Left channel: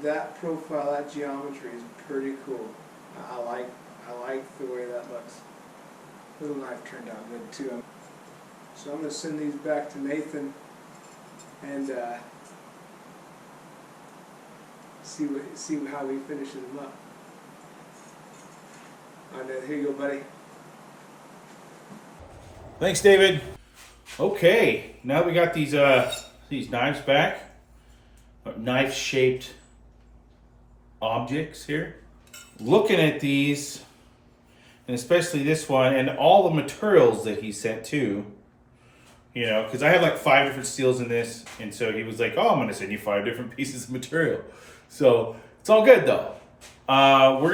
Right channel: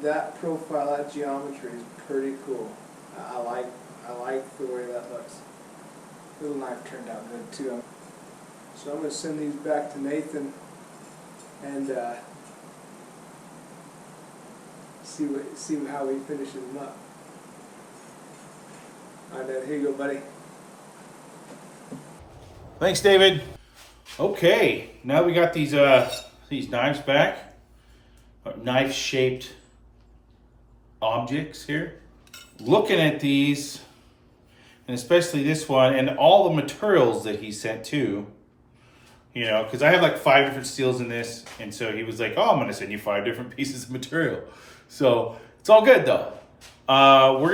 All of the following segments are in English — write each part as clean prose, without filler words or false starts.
That profile, that geometry is pretty cool. I like the way that looks. Little knife turned out good too. So I'm going to send these back to Nathan and see how he finishes them up. All right, here you go, buddy. Thanks, David. Okay, now we got these knives back, knife-shaped objects here. Looking at these, and especially this one, and all the materials that he sent too, you know, because I have like 5 different steels in this, and so he was like, oh, I'm gonna send you 5 different pieces of material. So it's all good though. We're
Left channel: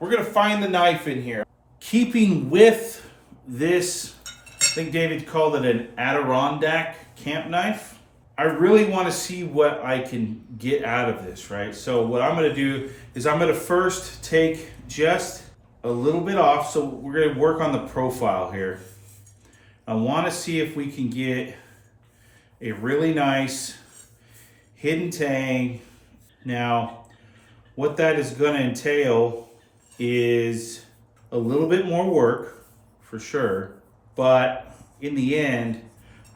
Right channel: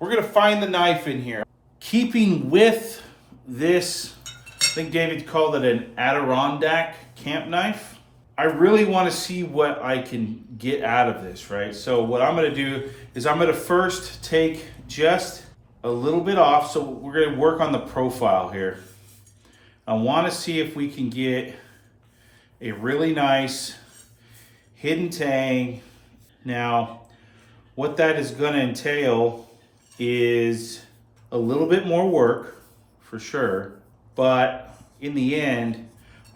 gonna find the knife in here. Keeping with this, I think David called it an Adirondack camp knife. I really want to see what I can get out of this, right? So what I'm going to do is I'm going to first take just a little bit off. So we're going to work on the profile here. I want to see if we can get a really nice hidden tang. Now, what that is going to entail is a little bit more work for sure, but in the end,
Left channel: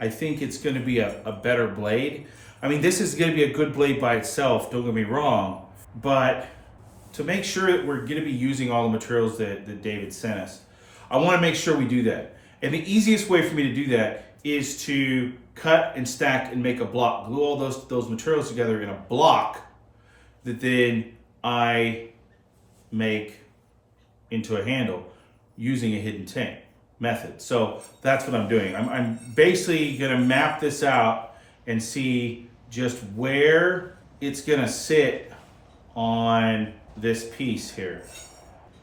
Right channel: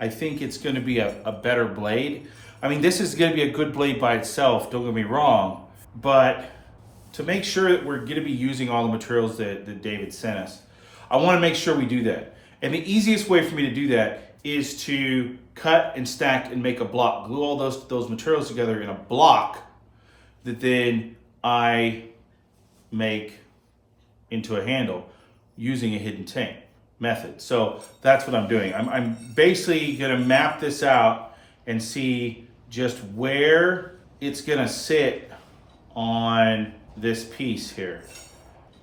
I think it's going to be a better blade. I mean, this is going to be a good blade by itself, don't get me wrong, but to make sure that we're going to be using all the materials that David sent us, I want to make sure we do that. And the easiest way for me to do that is to cut and stack and make a block, glue all those materials together in a block that then I make into a handle using a hidden tang method. So that's what I'm doing. I'm basically gonna map this out and see just where it's gonna sit on this piece here.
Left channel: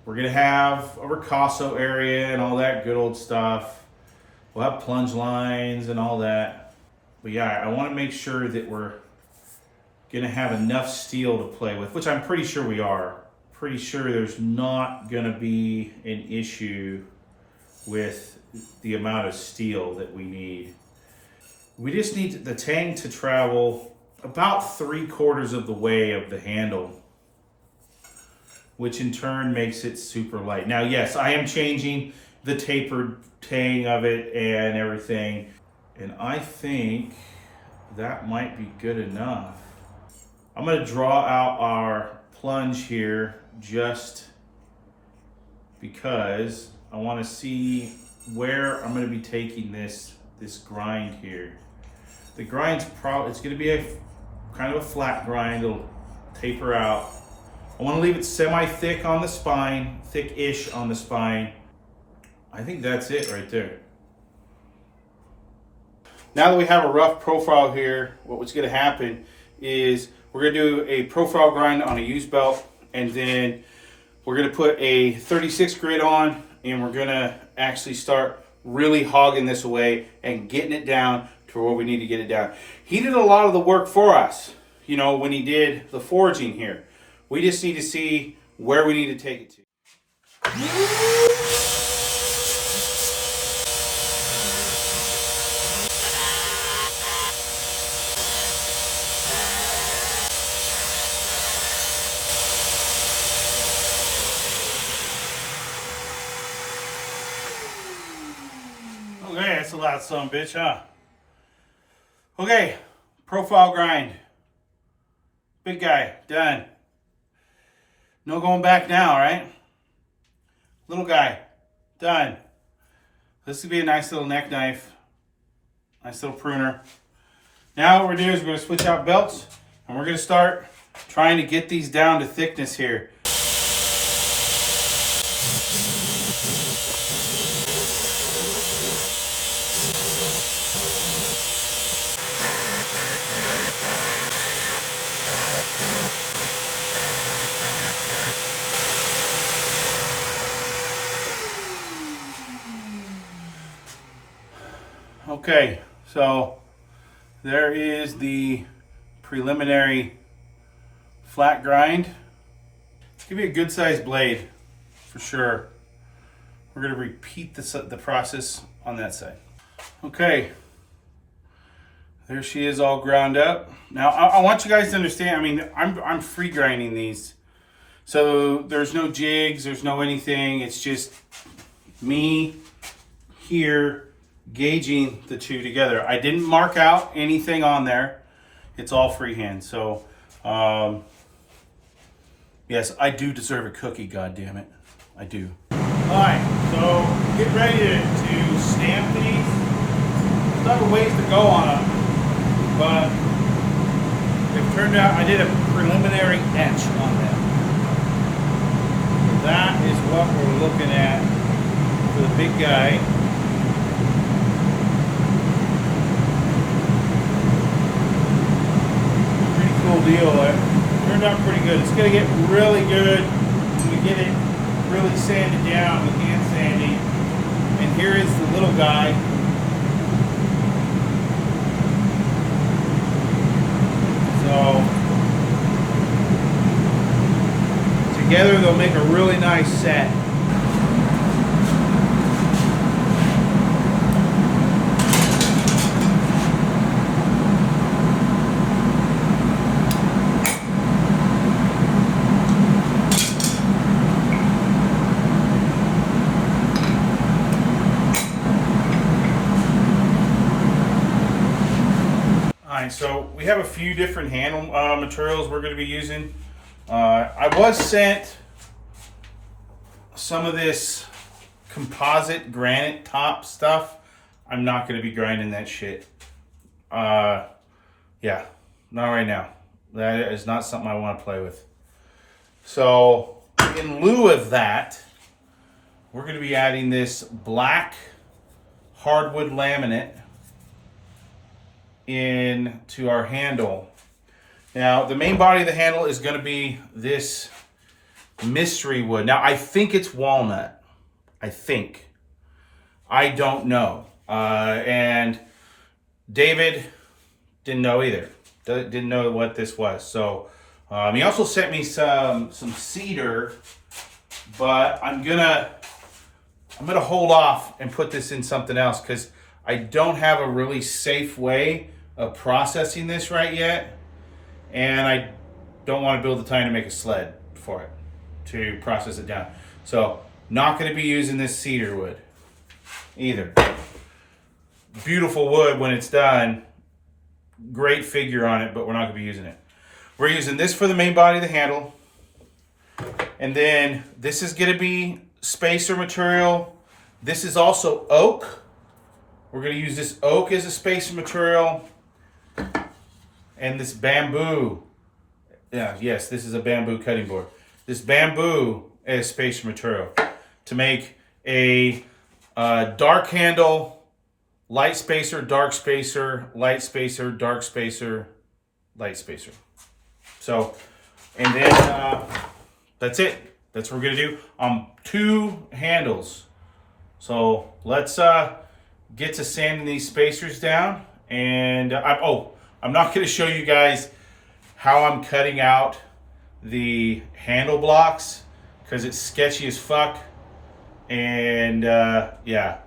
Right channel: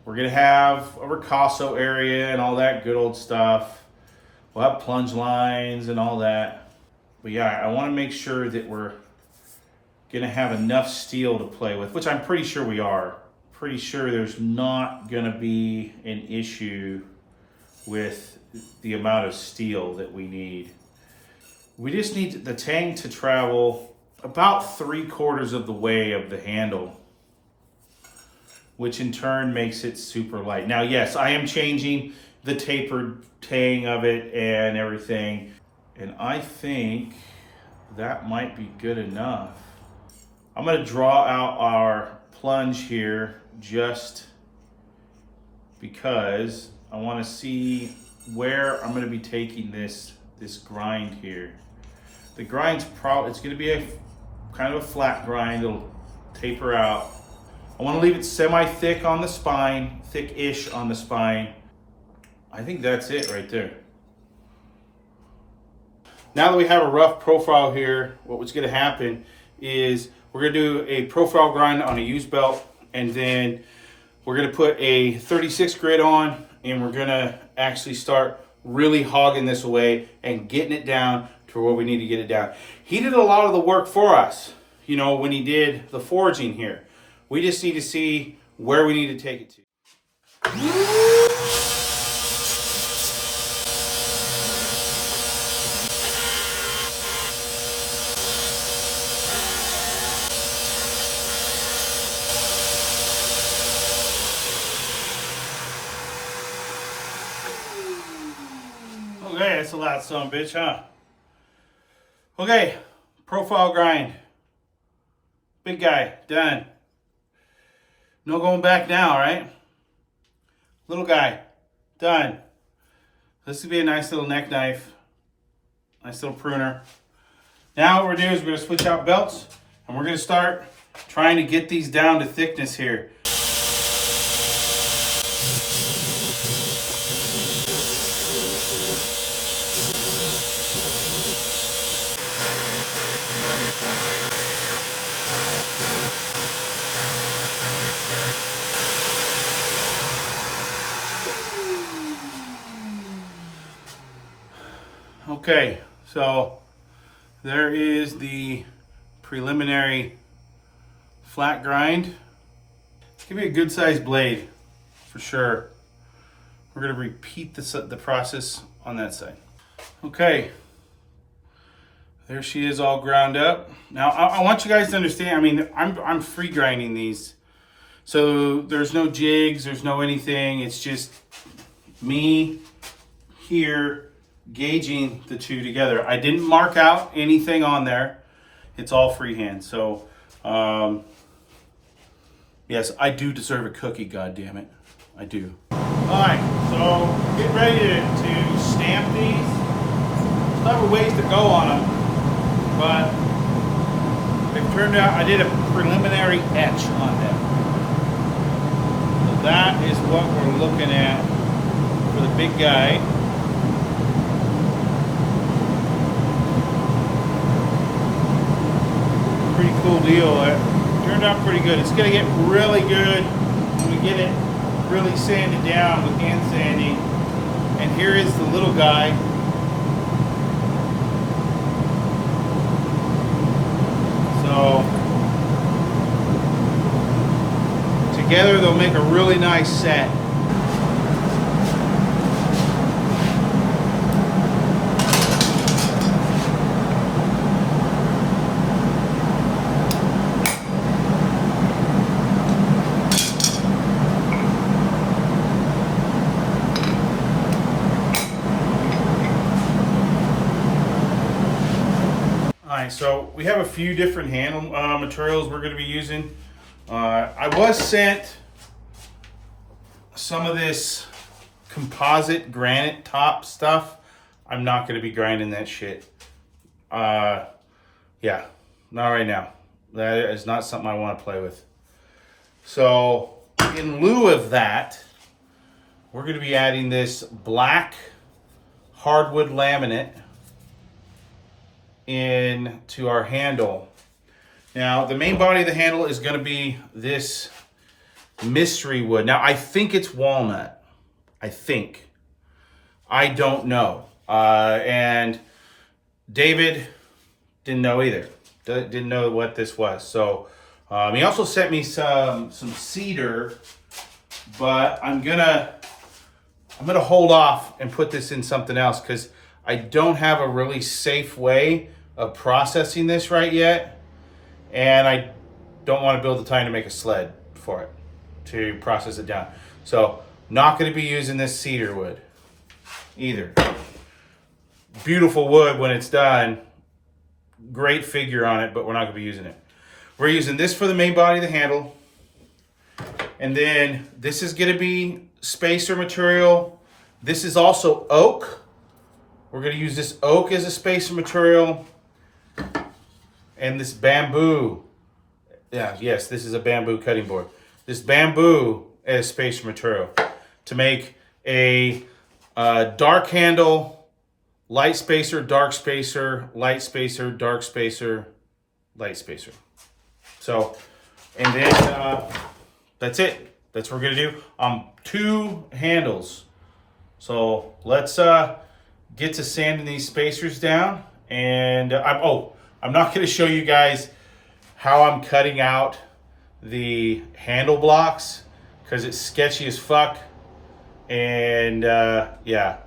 We're gonna have a ricasso area and all that good old stuff. We'll have plunge lines and all that. But yeah, I wanna make sure that we're gonna have enough steel to play with, which I'm pretty sure we are. Pretty sure there's not gonna be an issue with the amount of steel that we need. We just need the tang to travel about 3/4 of the way of the handle, which in turn makes it super light. Now, yes, I am changing the tapered tang of it and everything, and I think that might be good enough. I'm gonna draw out our plunge here just because I want to see where I'm going to be taking this grind here. The grind's it's going to be a kind of a flat grind. It'll taper out. I want to leave it semi-thick on the spine, thick-ish on the spine. I think that's it right there. Now that we have a rough profile here, what's going to happen is we're going to do a profile grind on a used belt, and then we're going to put a 36 grit on, and we're going to actually start really hogging this away and getting it down to where we need to get it down. He did a lot of the work for us, you know, when he did the forging here. We just need to see where we need to take it to. Okay, that's a loud son of a bitch, huh? Okay, profile grind. Big guy, done. No going back now, right? Little guy, done. This would be a nice little neck knife. Nice little pruner. Now what we're doing is we're going to switch out belts, and we're going to start trying to get these down to thickness here. Okay, so there is the preliminary flat grind. Give me a good sized blade for sure. We're going to repeat the process on that side. Okay, There she is, all ground up. Now I want you guys to understand, I mean, I'm free grinding these. So there's no jigs, there's no anything. It's just me here gauging the two together. I didn't mark out anything on there. It's all freehand. So yes, I do deserve a cookie, God damn it. I do. All right, so get ready to stamp these. Still have a ways to go on them, but it turned out I did a preliminary etch on them. So that is what we're looking at for the big guy. Pretty cool deal. It turned out pretty good. It's gonna get really good when we get it really sanded down with hand sanding. And here is the little guy. So together they'll make a really nice set. So we have a few different handle materials we're going to be using. I was sent some of this composite granite top stuff. I'm not going to be grinding that shit. Yeah, not right now. That is not something I want to play with. So in lieu of that, we're going to be adding this black hardwood laminate into our handle. Now, the main body of the handle is going to be this mystery wood. Now, I think it's walnut. I think. I don't know. And David didn't know either. Didn't know what this was. So he also sent me some cedar, but I'm gonna hold off and put this in something else because I don't have a really safe way of processing this right yet, and I don't want to build the time to make a sled for it to process it down. So not going to be using this cedar wood either. Beautiful wood when it's done, great figure on it, but we're not going to be using it. We're using this for the main body of the handle, and then this is going to be spacer material. This is also oak. We're going to use this oak as a spacer material. And this bamboo. Yes, this is a bamboo cutting board. This bamboo as spacer material to make a dark handle, light spacer, dark spacer, light spacer, dark spacer, light spacer. So, and then that's it. That's what we're going to do. 2 handles. So let's get to sanding these spacers down. And I'm not going to show you guys how I'm cutting out the handle blocks because it's sketchy as fuck. And yeah,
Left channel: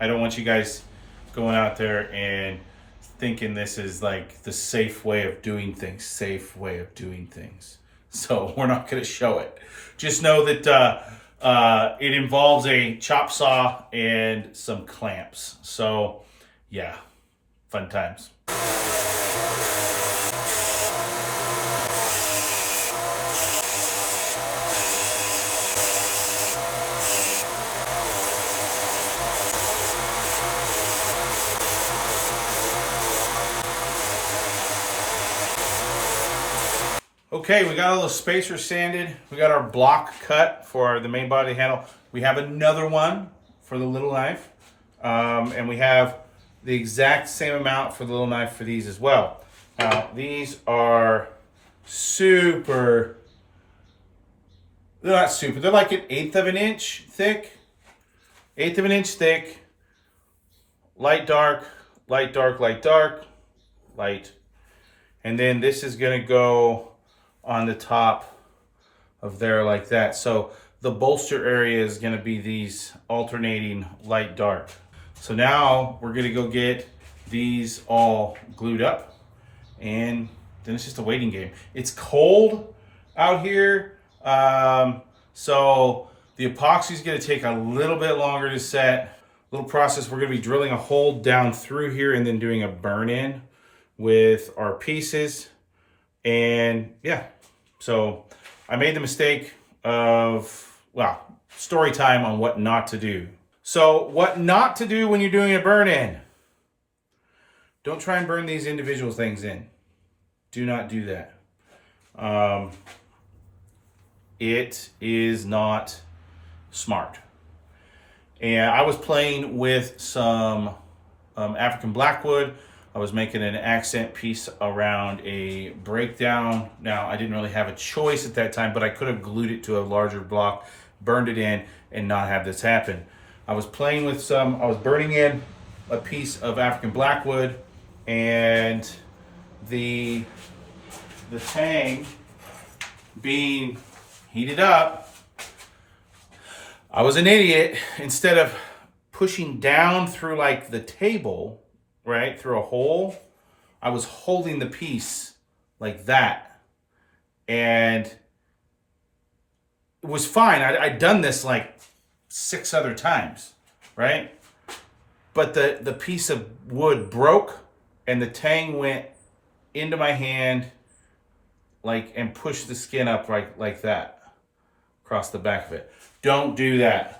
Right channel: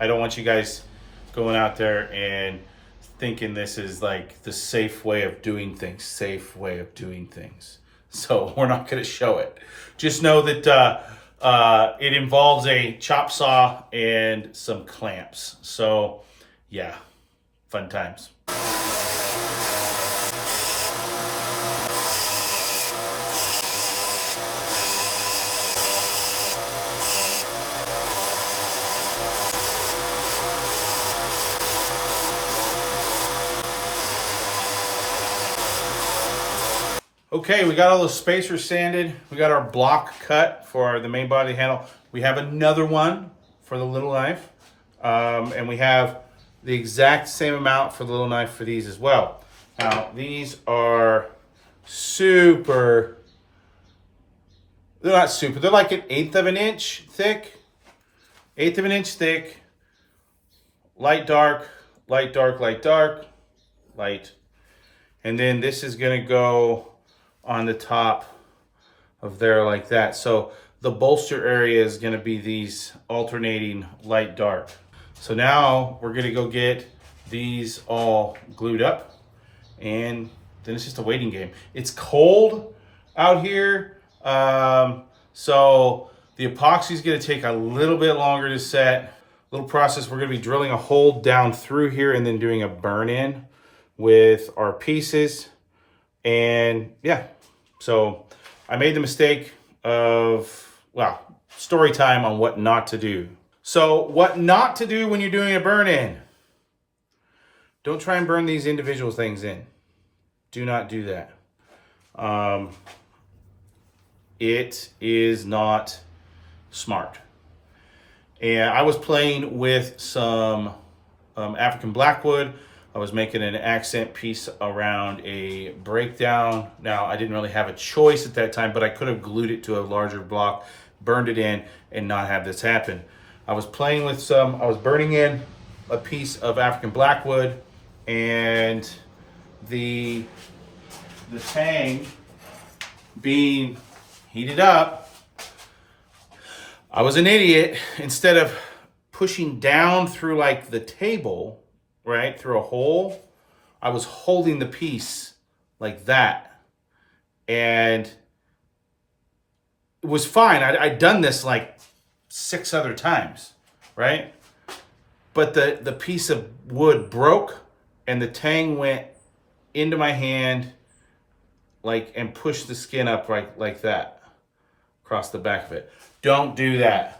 I don't want you guys going out there and thinking this is like the safe way of doing things. So we're not going to show it. Just know that it involves a chop saw and some clamps. So yeah, fun times. Okay, we got all the spacers sanded. We got our block cut for the main body handle. We have another one for the little knife. And we have the exact same amount for the little knife for these as well. Now, these are super, they're not super, they're like 1/8 of an inch thick. 1/8 of an inch thick. Light, dark, light, dark, light, dark, light. And then this is gonna go on the top of there like that. So the bolster area is going to be these alternating light dark. So now we're going to go get these all glued up, and then it's just a waiting game. It's cold out here, so the epoxy is going to take a little bit longer to set. Little process. We're going to be drilling a hole down through here and then doing a burn in with our pieces. And yeah, so I made the mistake of, well, story time on what not to do. So what not to do when you're doing a burn in. Don't try and burn these individual things in. Do not do that. It is not smart. And I was playing with some African blackwood. I was making an accent piece around a breakdown. Now, I didn't really have a choice at that time, but I could have glued it to a larger block, burned it in, and not have this happen. I was playing with I was burning in a piece of African blackwood, and the tang being heated up, I was an idiot. Instead of pushing down through like the table, right, through a hole, I was holding the piece like that. And it was fine. I'd done this like 6 other times, right? But the piece of wood broke and the tang went into my hand like and pushed the skin up like that across the back of it. Don't do that.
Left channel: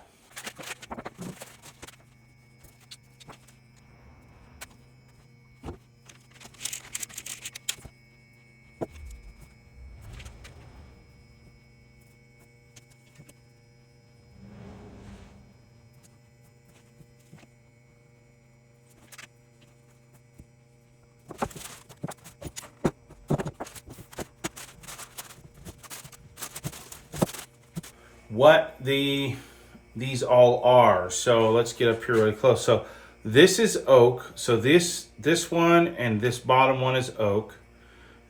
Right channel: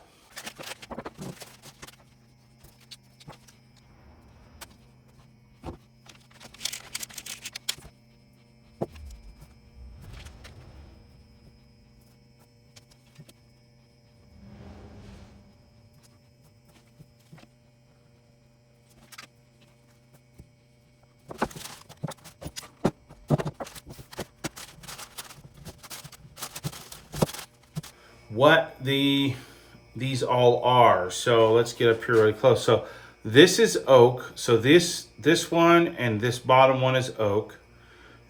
What these all are. So let's get up here really close. So this is oak. So this one and this bottom one is oak.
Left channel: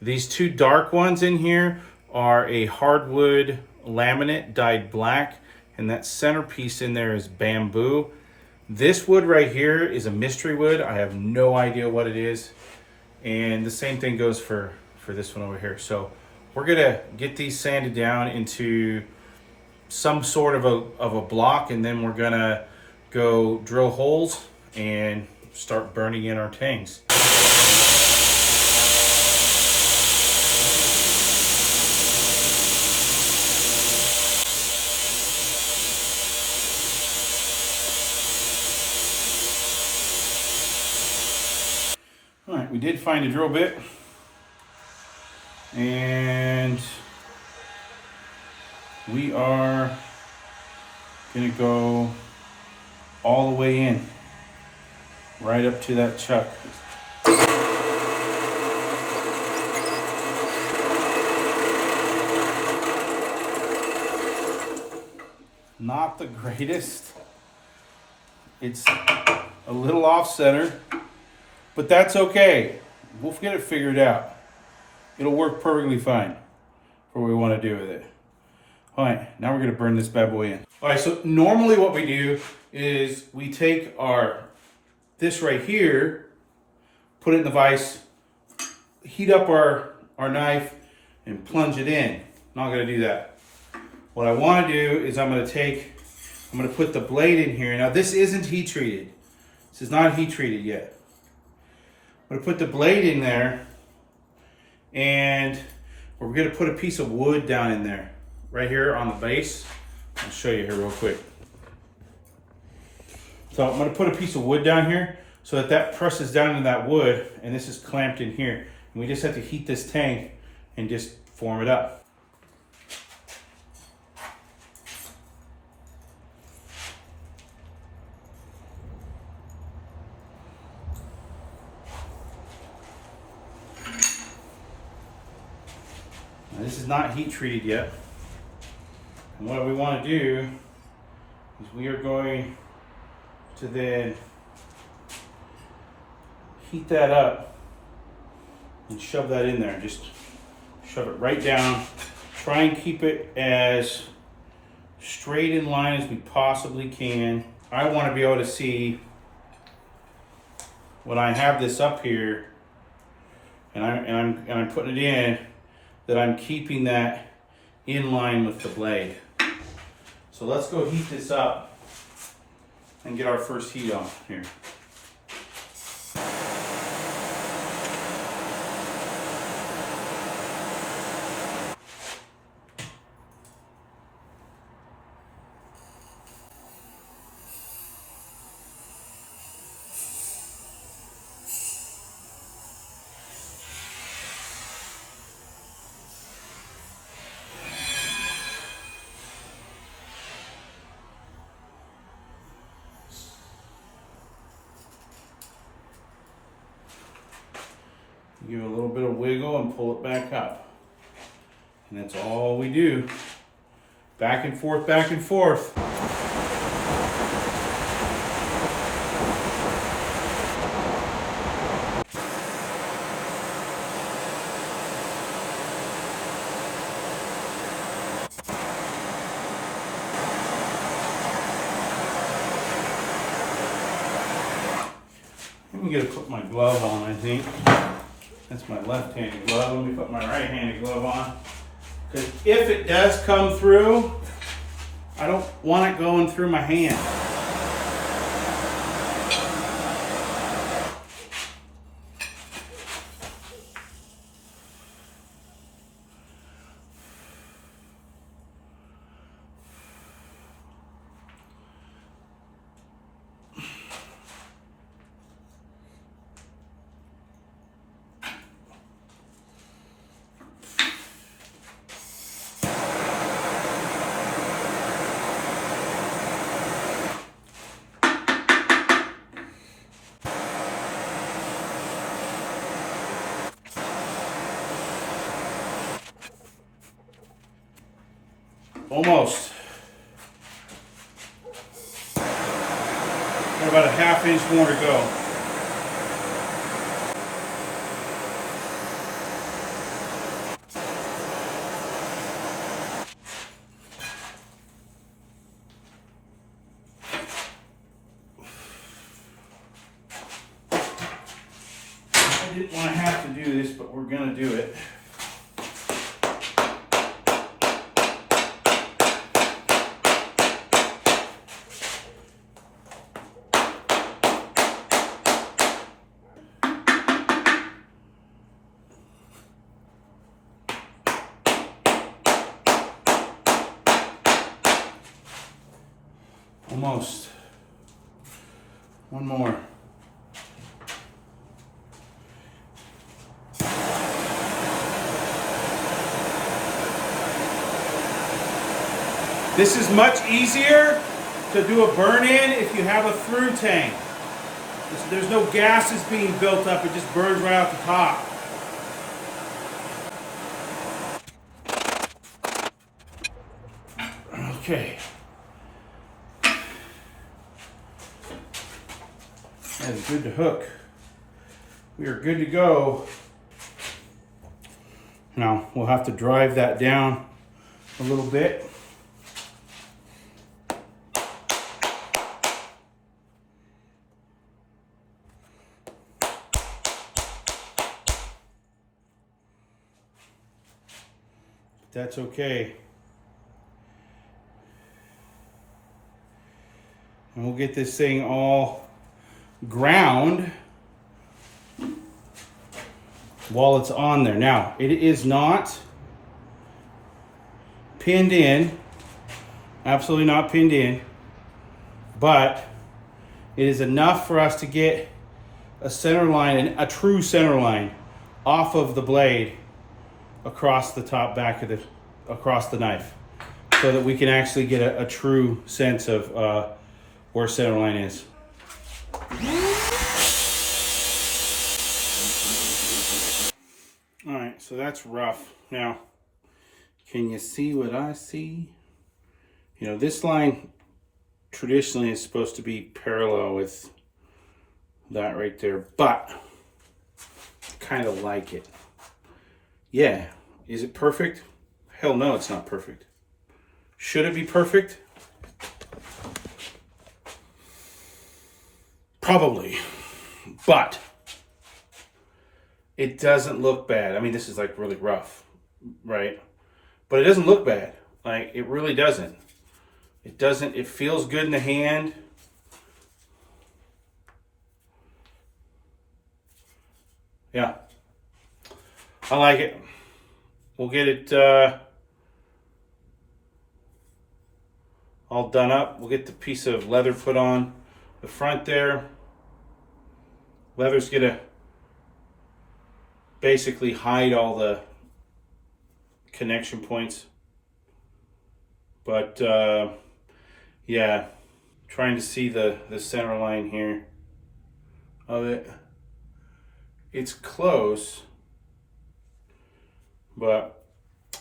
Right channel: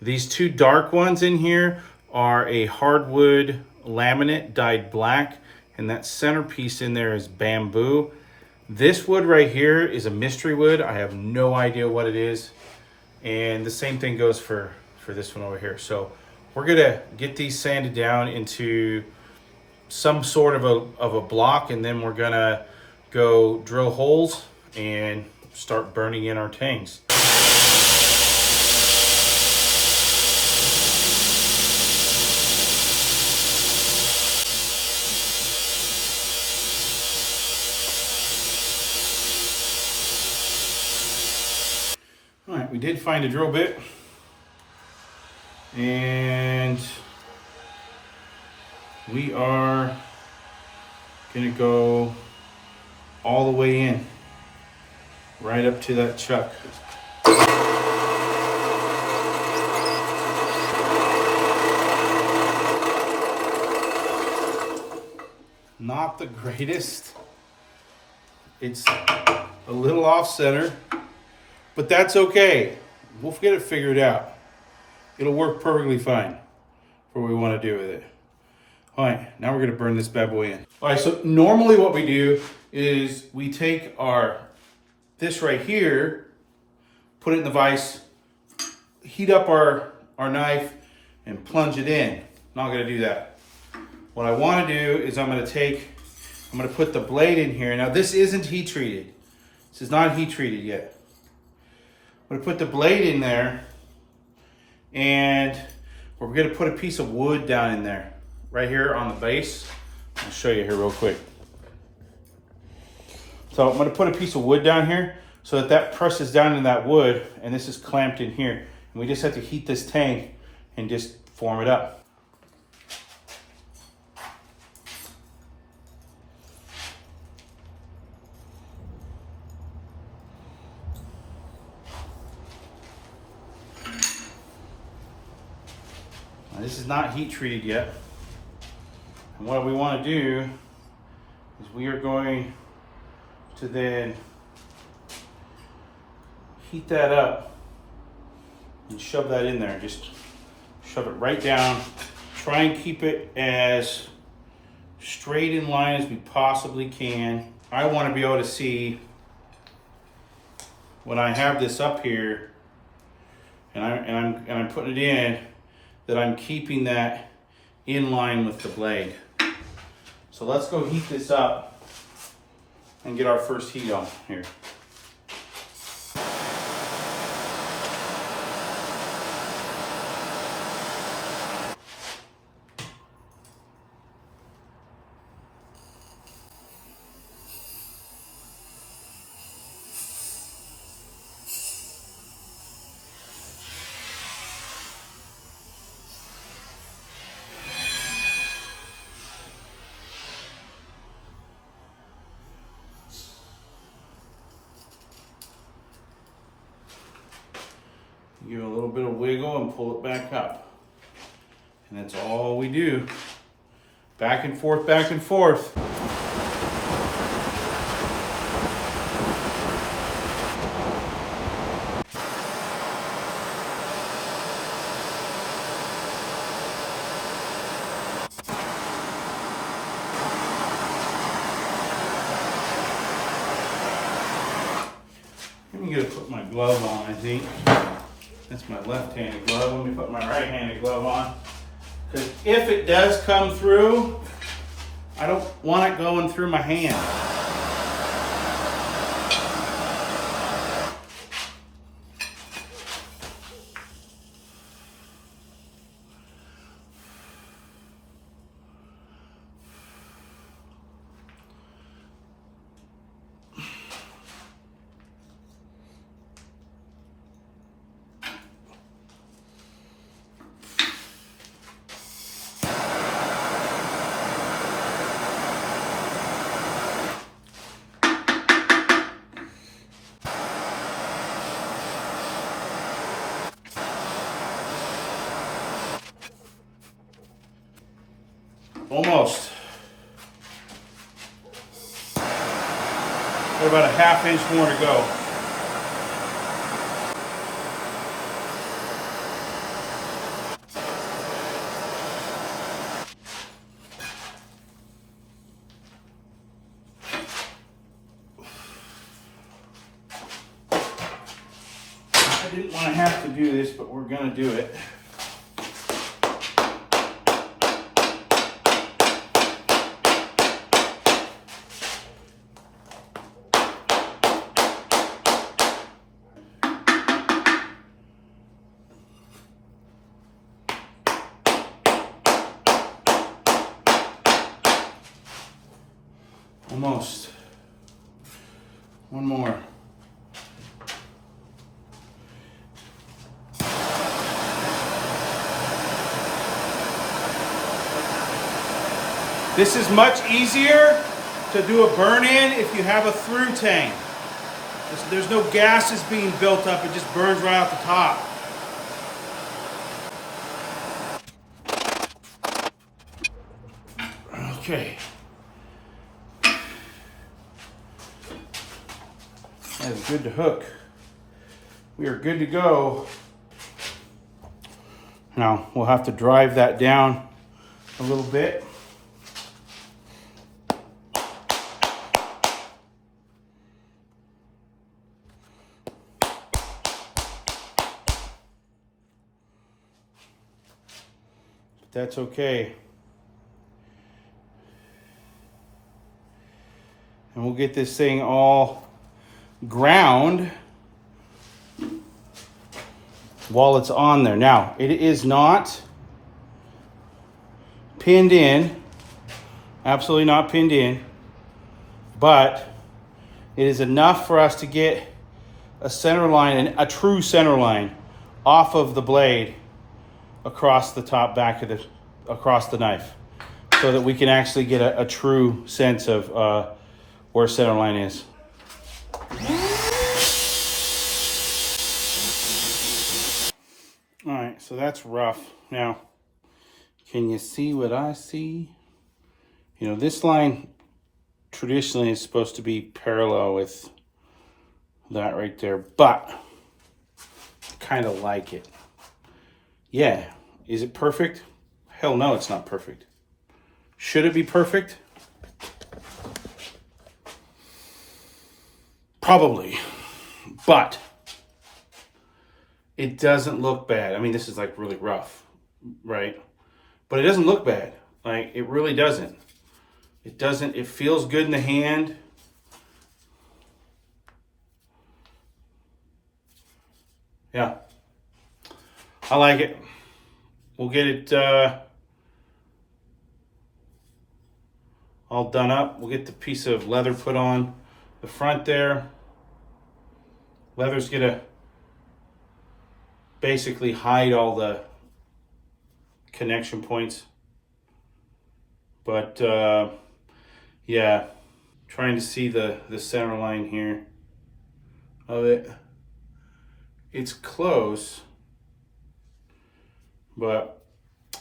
These 2 dark ones in here are a hardwood laminate dyed black, and that centerpiece in there is bamboo. This wood right here is a mystery wood. I have no idea what it is. And the same thing goes for this one over here. So we're gonna get these sanded down into some sort of a block, and then we're gonna go drill holes and start burning in our tangs. All right, we did find a drill bit, and we are gonna go all the way in, right up to that chuck. Not the greatest. It's a little off center, but that's okay. We'll get it figured out. It'll work perfectly fine for what we want to do with it. All right, now we're gonna burn this bad boy in. All right, so normally what we do is we take this right here, put it in the vise, heat up our knife, and plunge it in. Not gonna do that. What I wanna do is I'm gonna put the blade in here. Now this isn't heat treated. This is not heat treated yet. I'm gonna put the blade in there, and we're gonna put a piece of wood down in there, right here on the base. I'll show you here real quick. So I'm gonna put a piece of wood down here so that presses down in that wood, and this is clamped in here. And we just have to heat this tank and just form it up. Now, this is not heat treated yet. And what we want to do is we are going to then heat that up and shove that in there. Just shove it right down. Try and keep it as straight in line as we possibly can. I want to be able to see when I have this up here and I'm putting it in, that I'm keeping that in line with the blade. So let's go heat this up and get our first heat on here. Give it a little bit of wiggle and pull it back up. And that's all we do. Back and forth, back and forth. I'm gonna put my glove on, I think. That's my left-handed glove. Let me put my right-handed glove on. Because if it does come through, I don't want it going through my hand. Almost. We're about a ½ inch more to go. I didn't want to have to do this, but we're going to do it. Almost. One more. This is much easier to do a burn-in if you have a through tang. There's no gases being built up, it just burns right out the top. Okay. That is good to hook. We are good to go. Now we'll have to drive that down a little bit. That's okay. And we'll get this thing all ground while it's on there. Now, it is not pinned in, absolutely not pinned in, but it is enough for us to get a center line, a true center line off of the blade across the top back of the, across the knife, so that we can actually get a true sense of where center line is. All right, so that's rough. Now, can you see what I see? You know, this line traditionally is supposed to be parallel with that right there, but kind of like it. Yeah, is it perfect? Hell no, it's not perfect. Should it be perfect? Probably. but it doesn't look bad. I mean, this is like really rough, right? But it doesn't look bad. Like, it really doesn't. It doesn't, it feels good in the hand. Yeah. I like it. We'll get it all done up. We'll get the piece of leather put on the front there. Leather's gonna basically hide all the connection points. But yeah, trying to see the center line here of it. It's close, but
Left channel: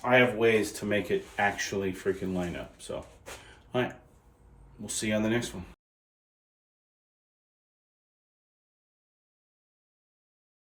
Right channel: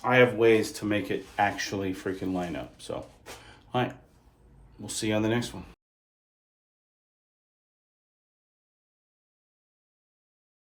I have ways to make it actually freaking line up. So, all right, we'll see you on the next one.